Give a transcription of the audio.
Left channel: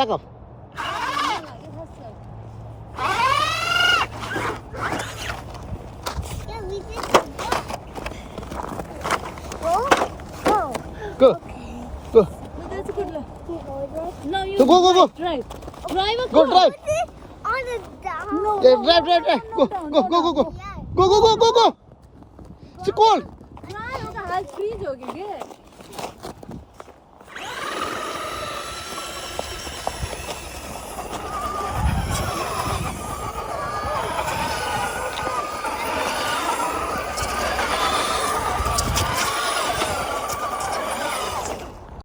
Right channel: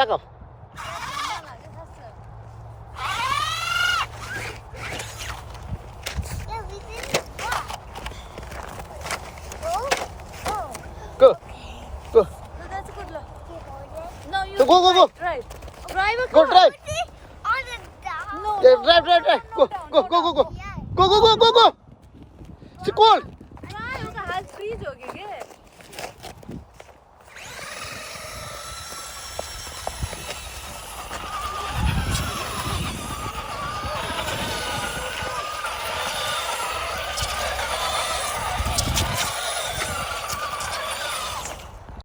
Back off. It has to. Yeah, we did that. Go. Go. Okay. Go. No, that's a good one. You hold it. No, you Go, go, go. drive. Drive a Go car. drive. Put it on the down. No, Yeah, no, drive, drive, drive. no, no, no, Go, no, go, go, no. go. Yeah.